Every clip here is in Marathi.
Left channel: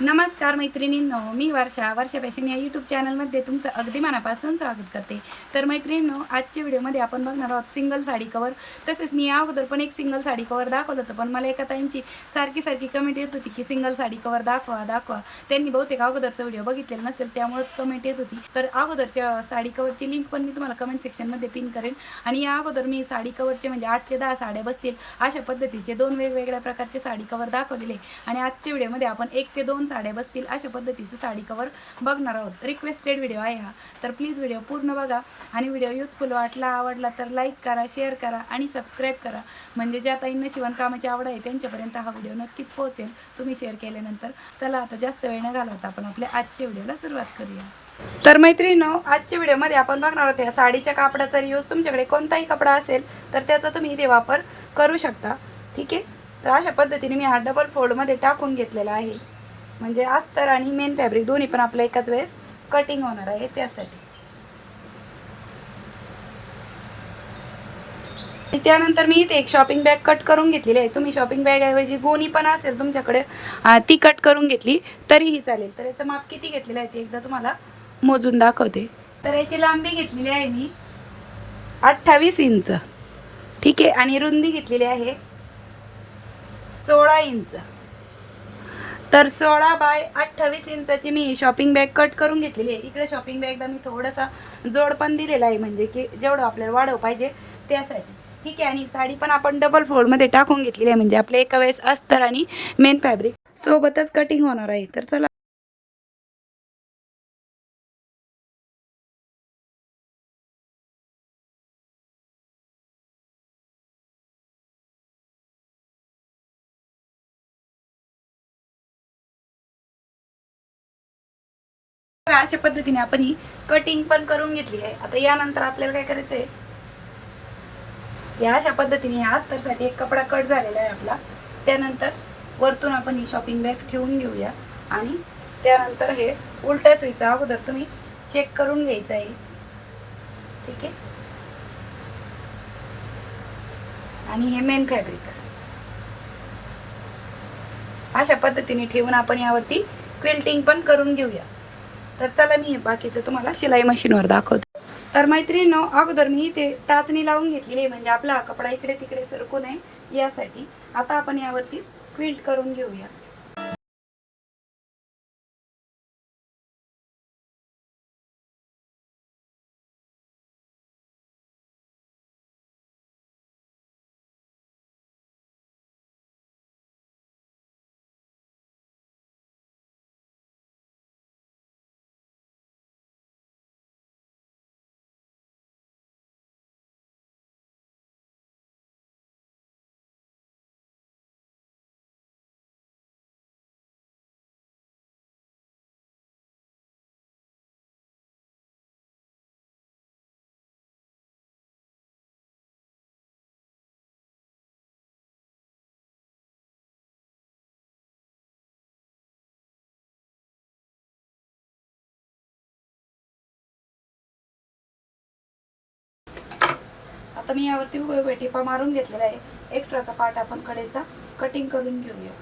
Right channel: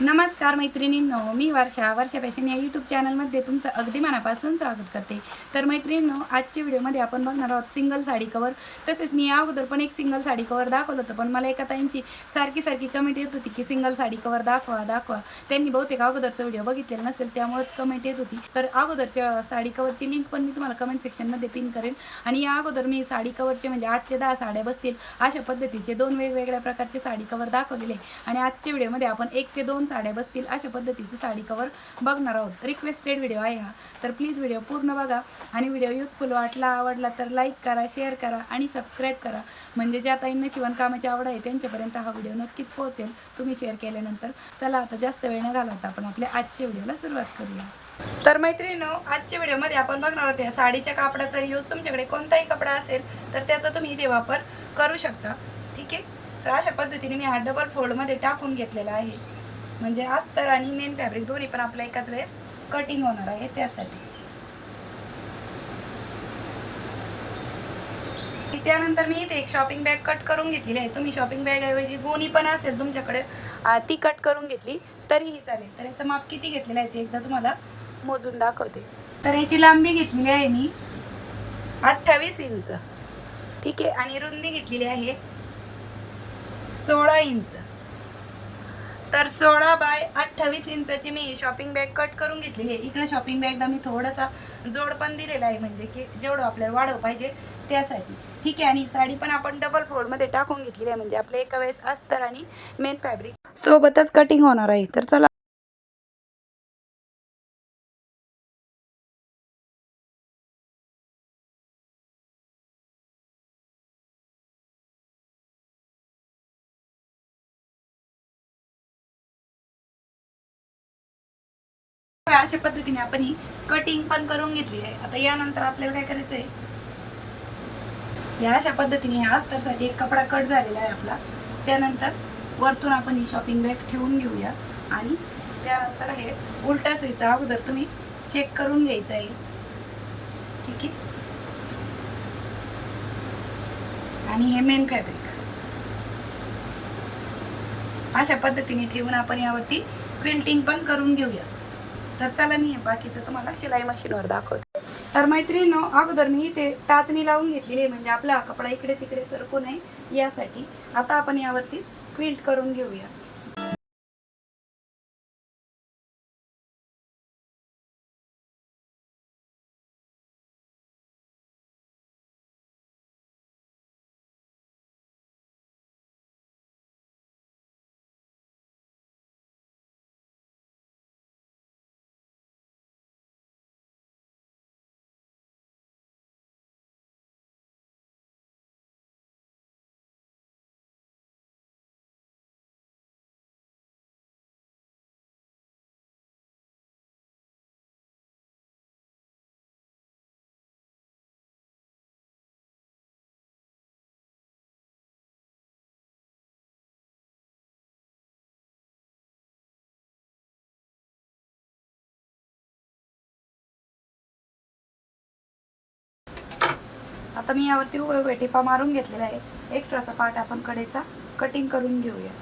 नमस्कार मैत्रिणींनो मी वर्षा वर्षा पॅशन या यूट्यूब चॅनलमध्ये तुमचं अगदी मनापासून स्वागत करते. तर मैत्रिणींनो आजच्या व्हिडिओमध्ये आपण बघणार आहोत सिंगल साडी कवर तसेच मी या अगोदर पण एक सिंगल साडी कवर दाखवलं होतं पण मला एका ताईंची सारखी सारखी कमेंट येत होती की सिंगल साडी कवर दाखवा दाखवा. त्यांनी बहुतेक अगोदरचा व्हिडिओ बघितलेला नसेल त्यामुळेच कमेंट येत होती. तर अगोदरच्या साडी कवरची लिंक पण मी तुम्हाला कमेंट सेक्शनमध्ये पिन करेन. आणि या अगोदर मी साडी कवरचे म्हणजे आठ ते दहा साड्या बसतील अशा पद्धतीचे दोन वेगवेगळ्या प्रकारचे साडी कवर दाखवलेले. आणि आजच्या व्हिडिओमध्ये आपण एक ते दोन साड्या बसतील अशा पद्धतीचं साडी कवर बघणार आहोत. रिक्वेस्टेड व्हिडिओ आहे हा. तर प्लीज व्हिडिओ पूर्ण बघा. आणि व्हिडिओ युजफुल वाटला आवडला तर लाईक करा शेअर करा आणि सबस्क्राईब करा. म्हणजे ज्या ताईंना शिवणकामाची आवड आहे त्यांच्यापर्यंत हा व्हिडिओ नक्कीच पोहोचेल. तुम्ही शेअर केल्यानंतर चला आता जास्त वेळ न घालवता आपण आपल्या आजच्या व्हिडिओला सुरुवात करूया. तर मैत्रिणीनो आजच्या व्हिडिओमध्ये आपण बघणार होते साडीच्या कापडाचा यूज तुमच्याकडे कोणताही कपडा असेल तर त्याचा तुम्ही इथे वापर करू शकता. ठीक आहे? तर अशा पद्धतीने मी हा डबल फोल्डमध्ये टाकून घेतलेला आहे. म्हणजे अस्तर आणि मेन फॅब्रिक दोन्ही पण आपलं एकाच वेळेस कटिंग होणार आहे त्यासाठी. त्यानंतर मी इथे एक शॉपिंग बॅग कट करून घेतलेली आहे. तुम्ही शॉपिंग बॅग ऐवजी गोणी पण असेल तुमच्याकडे ती कट करून घेतली तरीही चालेल. तर याचं माप किती घेतलेलं आहे ते एकदा तुम्हाला मोजून दाखवते. तर याची लांबी घेतलेली आहे मी अठ्ठावीस इंच. ठीक आहे? आणि रुंदी घेतलेली आहे सोळा इंच. तर सोळा बाय अठ्ठावीस इंचाची मी शॉपिंग बॅग कट करून घेतलेली आहे. इकडे शॉपिंग बॅगला मी थोडासा जोड पण दिलेला आहे म्हणजे की जेवढं आपल्याला वाढव पाहिजे त्यासाठी. ठीक आहे आणि साडी पण आपण डबल फोल्डमध्ये टाकून घेतलेली आहे म्हणजे आपल्या एका वेळेस अस्तर आणि मेन फॅब्रिक सोबतच कटिंग होणार आहे. तर चला अशा पद्धतीने आपण ही कटिंग पण करून घेतली आहे. आता यानंतर आपल्याला काय करायचं आहे या अशा पद्धतीने या अस्तरसाठी एक कपडा कट झालेला आहे आपला. त्यानंतर वरतून आपण ही शॉपिंग बॅग ठेवून घेऊया. आणि त्यानंतर हे उलटा सुईचा अगोदर तुम्ही चेक करून घ्यायचं आहे. ठीक आहे? आणि हे मेन फॅब्रिक अशा पद्धतीने ठेवून आपण यावरती क्विल्टिंग पण करून घेऊया. तर चला मी बाकीचं तुम्हाला शिलाई मशीनवर दाखवतो. तर मैत्रिणीनो अगोदर मी इथे टाचणी लावून घेतलेली आहे म्हणजे आपला कपडा इकडे तिकडे सरकू नये यासाठी. आता आपण यावरतीच क्विल्ट करून घेऊया. आता मी यावरती उभे उभे टिपा मारून घेतलेला आहे. एक्स्ट्राचा पार्ट आपण कडेचा कटिंग करून घेऊया.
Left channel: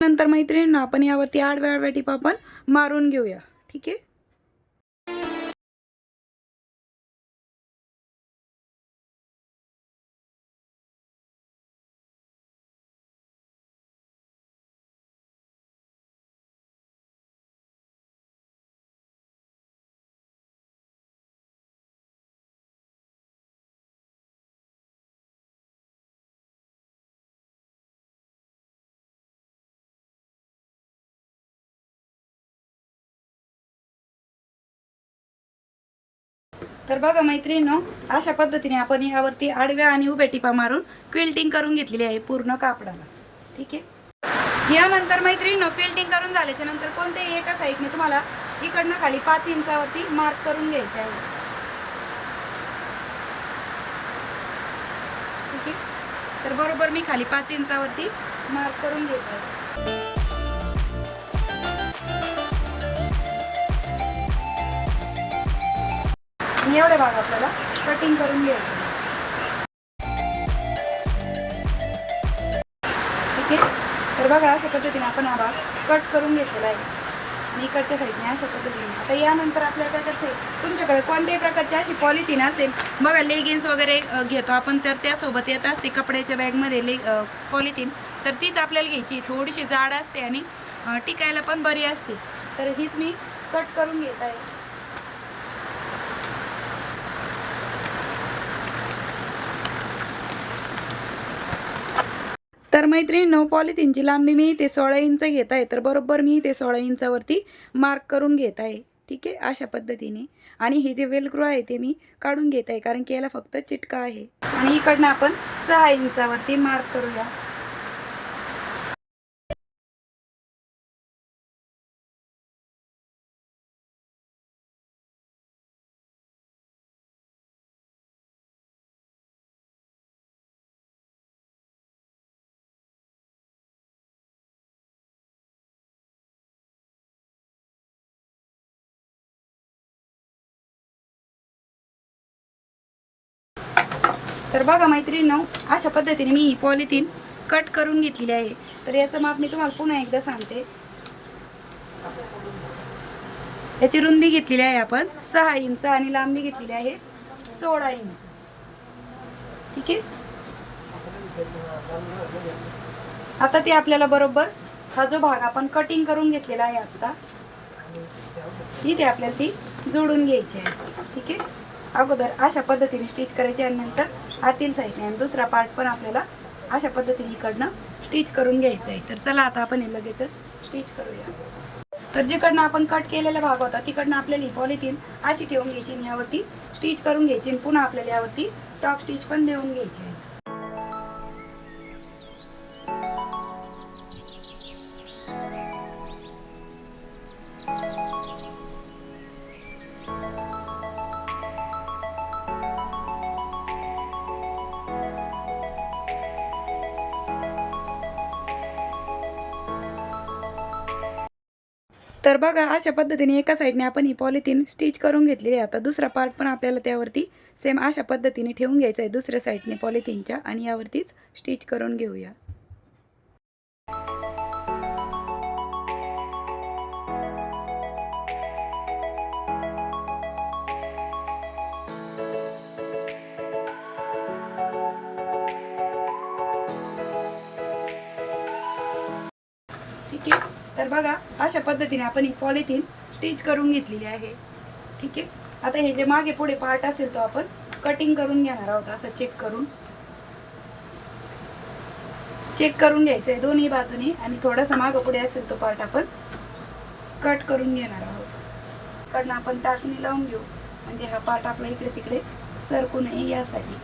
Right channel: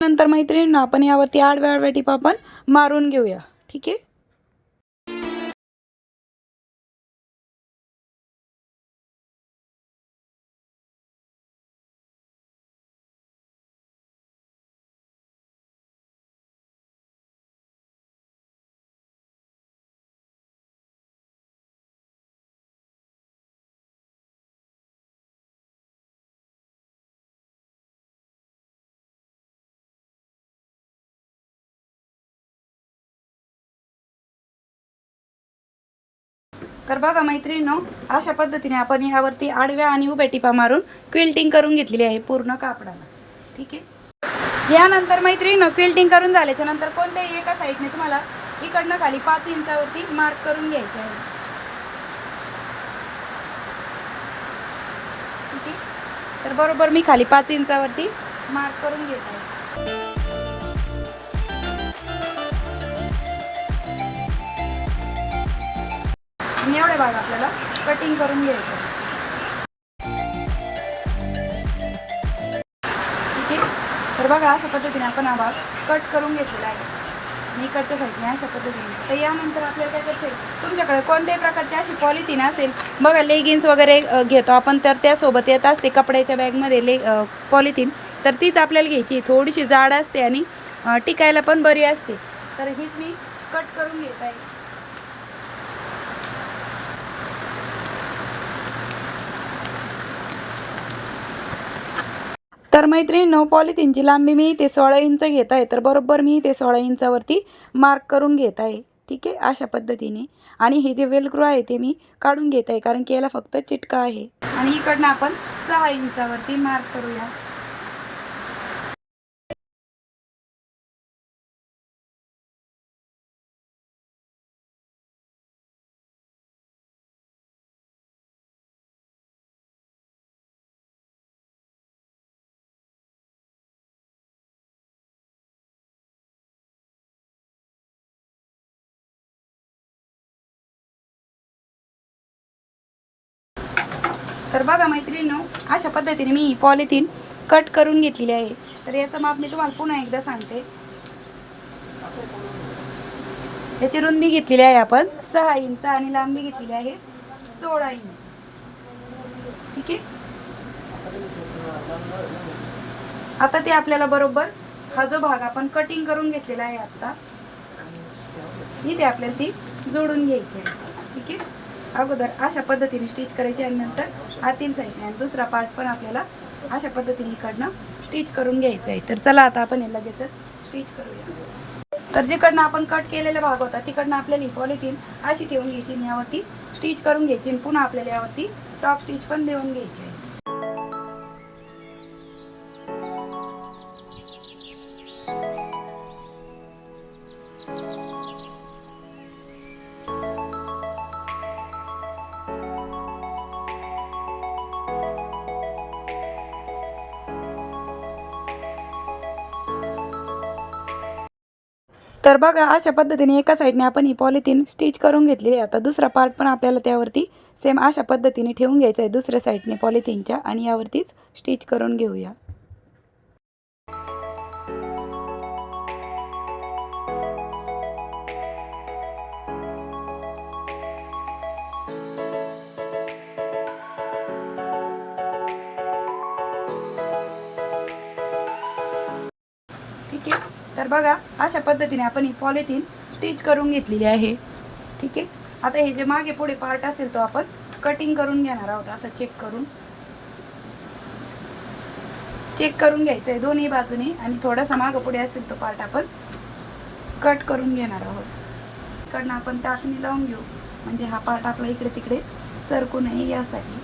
नंतर मैत्रिणींना आपण यावरती आडव्या आडव्या टिपा पण मारून घेऊया. ठीक आहे? तर बघा मैत्रिणीनो अशा पद्धतीने आपण यावरती आडव्या आणि उभ्या टिपा मारून क्विल्टिंग करून घेतलेली आहे पूर्ण कापडाला. ठीक आहे? यानंतर मैत्रिणीनं क्विल्टिंग करून झाल्याच्यानंतर कोणत्याही एका साईडने तुम्हाला इकडनं खाली पाच इंचावरती मार्क करून घ्यायचे आहे. ठीक आहे? तर बरोबर मी खाली पाच इंचावरती मार्क करून घेत आहे. आणि एवढे भाग आपल्याला. कटिंग करून घ्यायचं. ठीक आहे? तर बघा अशा पद्धतीने आपण हा भाग कट करून घेतलेला आहे. आणि इकडच्या साईडने अशा पद्धतीने. आता यानंतर आपल्याला काय करते आहे तुमच्याकडे कोणत्याही प्रकारची अशी पॉलिथिन असेल बघा लेगिन्स वगैरे घेतो आपण तर त्यासोबत येत असते कपड्याच्या बॅगमध्ये ले पॉलिथिन. तर तीच आपल्याला घ्यायची. थोडीशी जाड असते आणि टिकायला पण बरी असते. तर हीच मी कट करून घेत आहे. तर मैत्रिणींनो पॉलिथिनची लांबी मी ते सोळा इंच घेत आहे. तर बरोबर मी ते सोळा इंचावरती मार्क करून घेत आहे. ठीक आहे? अशा पद्धतीने. आणि हे जे वेलक्रो आहे ते मी काढून घेत आहे कारण की याला फक्त चिटका आहे. आणि इकडनं आपण सहा इंचावरती मार्क करूया. तर बघा मैत्रिणीनो अशा पद्धतीने मी ही पॉलिथिन कट करून घेतलेली आहे. तर याचं माप मी तुम्हाला पुन्हा एकदा सांगते. याची रुंदी घेतलेली आहे आपण सहा इंच आणि लांबी घेतलेली आहे सोळा इंच. ठीक आहे? आता ते आपल्याला बरोबर हा जो भाग आपण कटिंग करून घेतलेला आहे आता इथे आपल्याला ती जोडून घ्यायची आहे. ठीक आहे? अगोदर अशा पद्धतीने स्टिच करायची आणि नंतर आतील साईडने आणि दुसरा पार्ट पण आपल्याला अशा पद्धतीने इकडनं स्टिच करून घ्यायचं आहे. तर चला आता आपण हे लगेचच स्टिच करूया. तर जिकडनं आपण कट केलेला भाग होता तिकडनं आपल्याला ही पॉलिथिन अशी ठेवून घ्यायची आणि यावरती स्टिच करून घ्यायची आणि पुन्हा आपल्याला यावरती टॉप स्टिच पण देऊन घ्यायची आहे. तर बघा अशा पद्धतीने एका साईडने आपण ही पॉलिथिन स्टिच करून घेतलेली आहे. आता दुसरा पार्ट पण आपल्याला त्यावरती सेम अशा पद्धतीने ठेवून घ्यायचा आहे. दुसऱ्या साईडने पॉलिथिनच्या आणि यावरतीच स्टिच करून घेऊया. तर बघा अशा पद्धतीने आपण ही पॉलिथिन स्टिच करून घेतलेली आहे. ठीक आहे? आता हे जे मागे पुढे पार्ट असेल तो आपण कटिंग करून घेणार आहोत. असं चेक करून. चेक करून घ्यायचं आहे दोन्ही बाजूने आणि थोडासा मागं पुढे असेल तो पार्ट आपण कट करून घेणार आहोत. इकडनं आपण टाकणी लावून घेऊ. म्हणजे हा पार्ट आपला इकडे तिकडे सरकू नये यासाठी.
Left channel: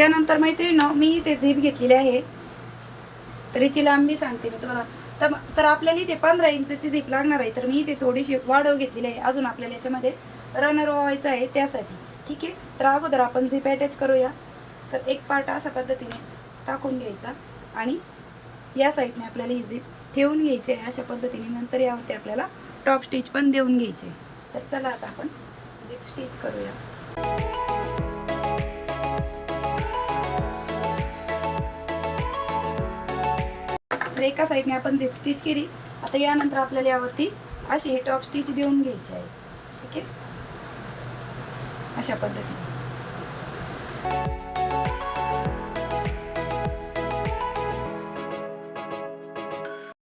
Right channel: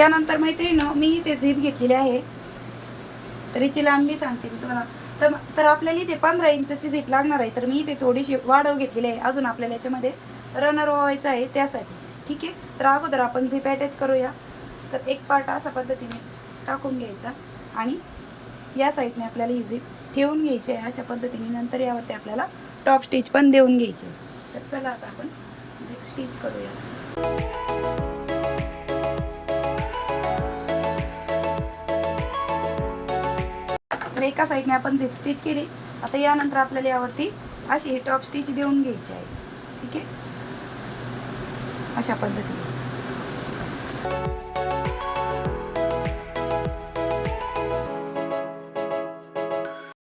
त्यानंतर मैत्रिणीनं मी इथे झीप घेतलेली आहे. तर याची लांबी सांगते मी तुम्हाला. तर तर आपल्याला इथे पंधरा इंचची झीप लागणार आहे. तर मी इथे थोडीशी वाढव घेतलेली आहे. अजून आपल्याला याच्यामध्ये रनर व्हायचं आहे त्यासाठी. ठीक आहे? तर अगोदर आपण झीप अटॅच करूया. तर एक पार्ट अशा पद्धतीने टाकून घ्यायचा. आणि या साईडने आपल्याला ही झीप ठेवून घ्यायची आहे. अशा पद्धतीने नंतर यावरती आपल्याला टॉप स्टिच पण देऊन घ्यायची आहे. तर चला आता आपण झीप स्टिच करूया. तर एका साईडने आपण झिप स्टिच केली. आता यानंतर आपल्याला यावरती अशी टॉप स्टिच देऊन घ्यायची आहे. ठीक आहे? अशा पद्धतीने.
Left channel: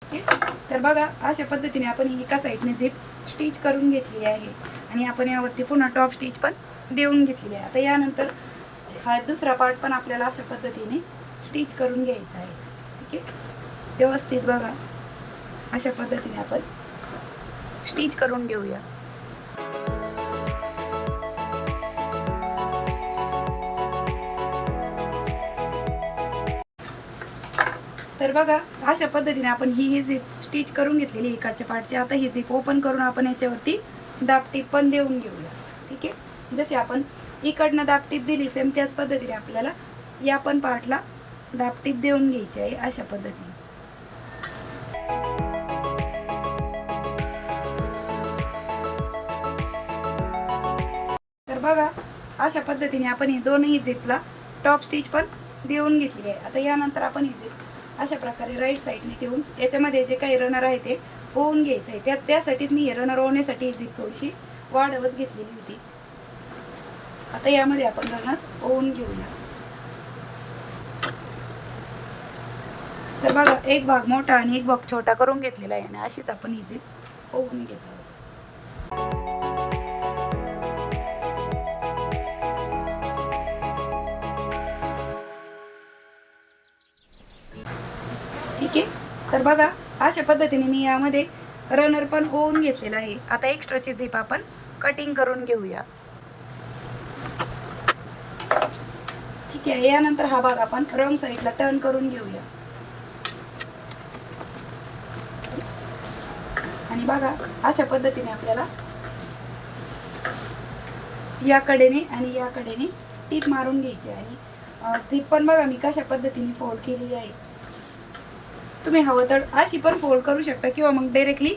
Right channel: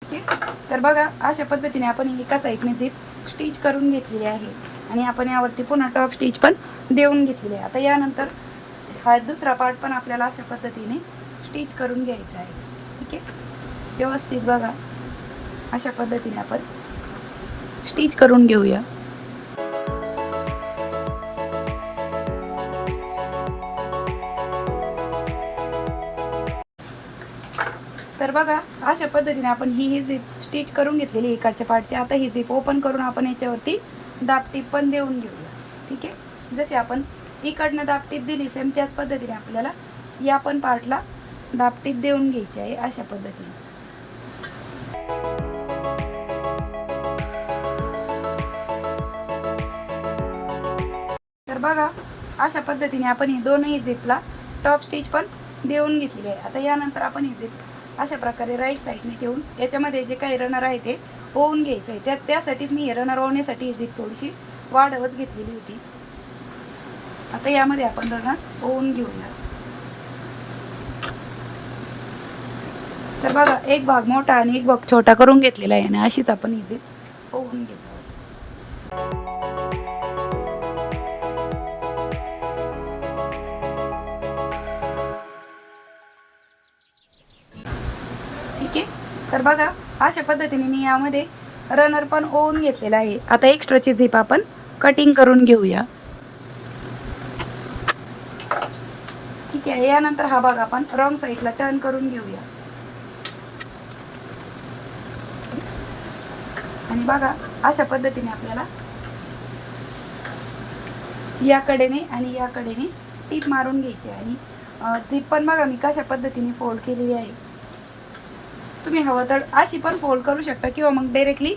ठीक आहे? तर बघा अशा पद्धतीने आपण एका साईडने झिप स्टिच करून घेतलेली आहे. आणि आपण यावरती पुन्हा टॉप स्टिच पण देऊन घेतलेली आहे. आता यानंतर हा दुसरा पार्ट पण आपल्याला अशा पद्धतीने स्टिच करून घ्यायचा आहे. ठीक आहे व्यवस्थित बघा. अशा पद्धतीने आपण स्टिच करून घेऊया. तर बघा अशा पद्धतीने आपण ही ही झीप स्टिच करून घेतलेली इकडच्या पार्टची आता ही झीप ओपन करून आपण याच्यावरती दाबटीप पण देऊन घेऊया. ठीक आहे? जसे आपण इकडनं दाबटीप दिली सेम त्याच पद्धतीने आपल्याला या पण पार्टला दापटीप देऊन घ्यायची आहे अशा पद्धतीने. बघा अशा पद्धतीने आपण हे दोनही झिपला टॉप स्टिच पण देऊन घेतली आहे. आता यानंतर आपण ही झिप अशा प्रकारे राईट साईडने ठेवून याच्यामध्ये जे काही रनर आहे ते ओवून घ्यायचं आहे. त्या त्यासाठीच मी हे रनर ओवण्यासाठी ही झिप थोडीशी वाढवत घेतलेली होती. आता यामध्ये आपण रनर ओवून घेऊया तर बघा एक भाग मोठा आणि एक भाग छोटा करून घेतलेला आहे आणि अशीच आपण ही झिप ओवून घेतो तर बघा अशा पद्धतीने मी यामध्ये रनर पण ओवून घेतलेला आहे. आता एक्स्ट्राची झिप आपण कटिंग करून घेऊया. ठीक आहे यानंतर हा भाग आपण रॉंग साईडला टर्न करून घेऊया. आणि बघा अशा पद्धतीने आपल्याला या कडेने आणि या कडेने टीप मारून घ्यायची आहे. आणि झिप पण बघा मी कशा पद्धतीने फोल्ड केलेली आहे. तुम्ही हवं तर अशी पण फोल्ड करू शकता किंवा मग डायरेक्टली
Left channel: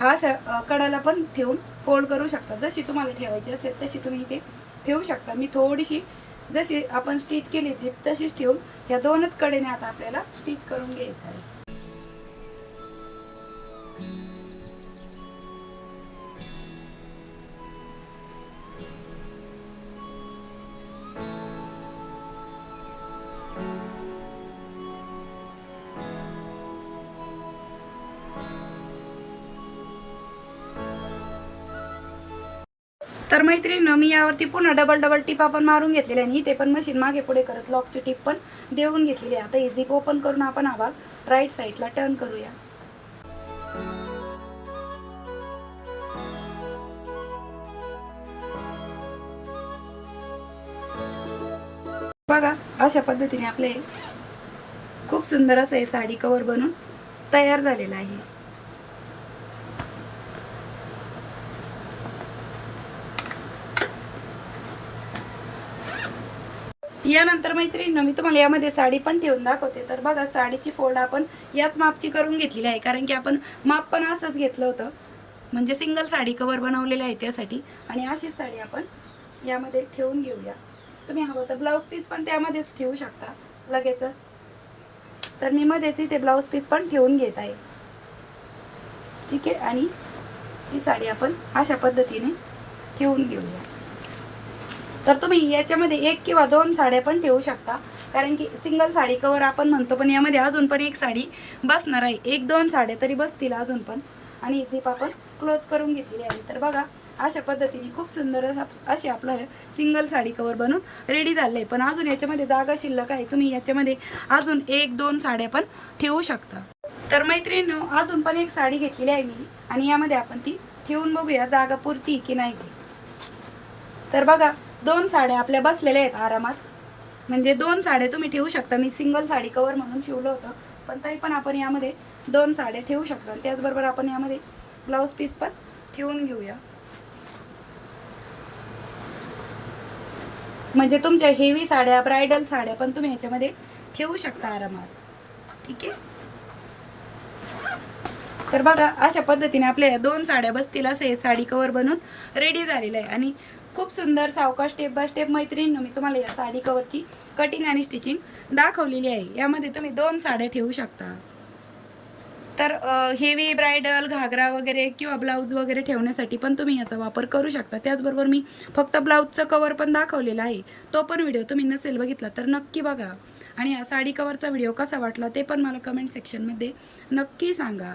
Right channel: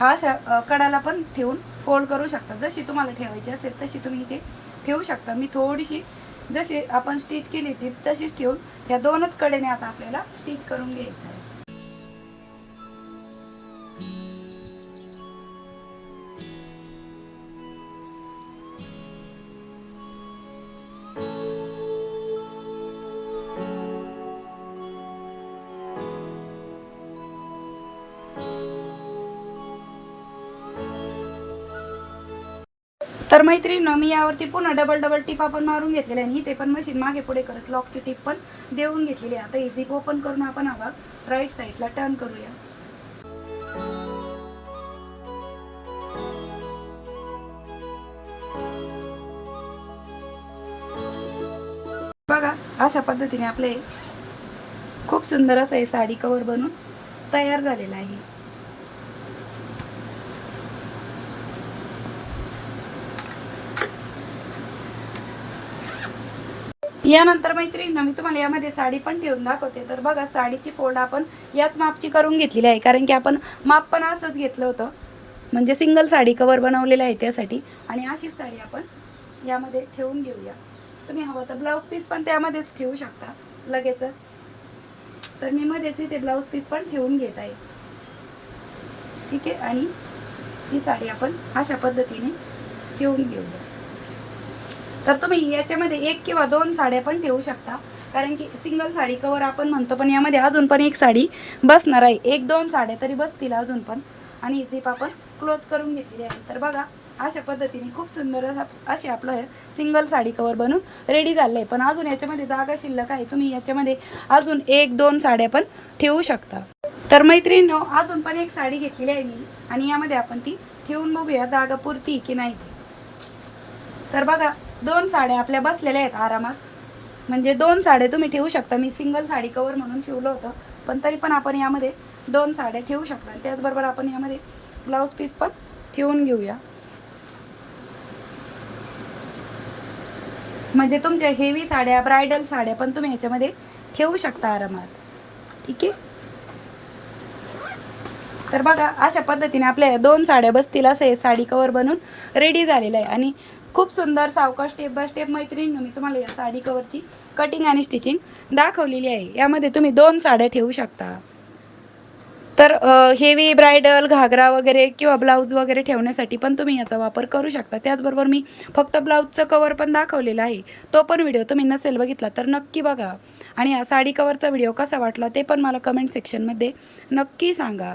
हा कडाला पण ठेवून फोल्ड करू शकता. जशी तुम्हाला ठेवायची असेल तशी तुम्ही इथे ठेवू शकता. मी थोडीशी जशी आपण स्टिच केली ती तशीच ठेवून ह्या दोनच कडेने आता आपल्याला स्टिच करून घ्यायचं आहे. तर मैत्रिणीनं मी यावरती पुन्हा डबल डबल टिप आपण मारून घेतलेल्या आणि ते पण मशीन मागे पुढे करत लॉकची टिप पण देऊन घेतलेली आहे. आता ही झिप ओपन करून आपण हा भाग राईट साईडला टर्न करूया. बघा अशा पद्धतीने आपले खूप सुंदर असं हे साडी कवर बनून तयार झालेलं आहे. यानंतर मैत्रिणीनं मी तुम्हाला यामध्ये साडी पण ठेवून दाखवते. तर बघा साडीची फोल्ड आपण याच मापची करून घेतलेली आहे. कारण की आपण माप पण असंच घेतलं होतं. म्हणजे सिंगल साडी कवर बनवलेलं आहे त्यासाठी. आणि अशीच साडी आपण यामध्ये ठेवून घेऊया. तुम्ही हवं तर ब्लाऊज पीस पण त्यामध्येच ठेवू शकता. लगेचच. तर मी मध्येच इथे ब्लाऊज पीस पण ठेवून घेत आहे. ठीक आहे? आणि ही साडी आपण अशा पद्धतीने ठेवून घेऊया. तर तुम्ही याच्यामध्ये एक किंवा दोन साड्या पण ठेवू शकता. कारण की सिंगल साडी कवर आपण म्हणतो पण यामध्ये अजून पण एक साडी बसणार आहे. एक दोन साड्या तरी बसतील अजून पण. आणि झिप आपण क्लोज करून घेतलेली आहे. तर बघा अशा पद्धतीने खूप सुंदर असा असे आपलं सिंगल साडी कवर बनून रेडी झालं आहे पण अजून याच्यामध्ये जागा शिल्लक आहे. तुम्ही याच्यामध्ये अजून एक दोन साड्या पण ठेवू शकता. तर मैत्रिणीनो अजून पण एक साडी घेतलेली आहे मी. आणि यामध्ये आपण ती ठेवून बघूया जागा पुरती की नाही ते. तर बघा दोन साड्या आपल्या बसलेल्या आहेत आरामात. म्हणजे दोन साड्या तुम्ही ठेवू शकता. मी सिंगल साडी कवर म्हणून शिवलं होतं. पण तरी पण आपण यामध्ये दोन साड्या ठेवू शकतो. आणि त्याचबरोबर आपण यामध्ये ब्लाऊज पीस पण ठेवून घेऊया. म्हणजे तुमच्या हेवी साड्या ब्रायडल साड्या पण तुम्ही याच्यामध्ये ठेवू शकता आरामात. ठीक आहे? तर बघा अशा पद्धतीने आपल्या दोन साड्या बसतील असं हे साडी कवर बनून रेडी झालेलं आहे. आणि खूप सुंदर सावकाश स्टेप बाय स्टेप मैत्रिणीनं मी तुम्हाला या साडी कवरची कटिंग आणि स्टिचिंग दाखवलेली आहे. यामध्ये तुम्ही दोन साड्या ठेवू शकता. तर हेवी ब्रायडल घागरा वगैरे किंवा ब्लाऊज वगैरे ठेवण्यासाठी पण तुम्ही याचा वापर करू शकता. त्याचबरोबर मी फक्त ब्लाऊजचं कवर पण दाखवलेला आहे. तो पण व्हिडिओ तुम्ही नसेल बघितला तर नक्की बघा. आणि हा साडी कवरचा व्हिडिओ कसा वाटला ते पण मला कमेंट सेक्शनमध्ये नक्की सांगा.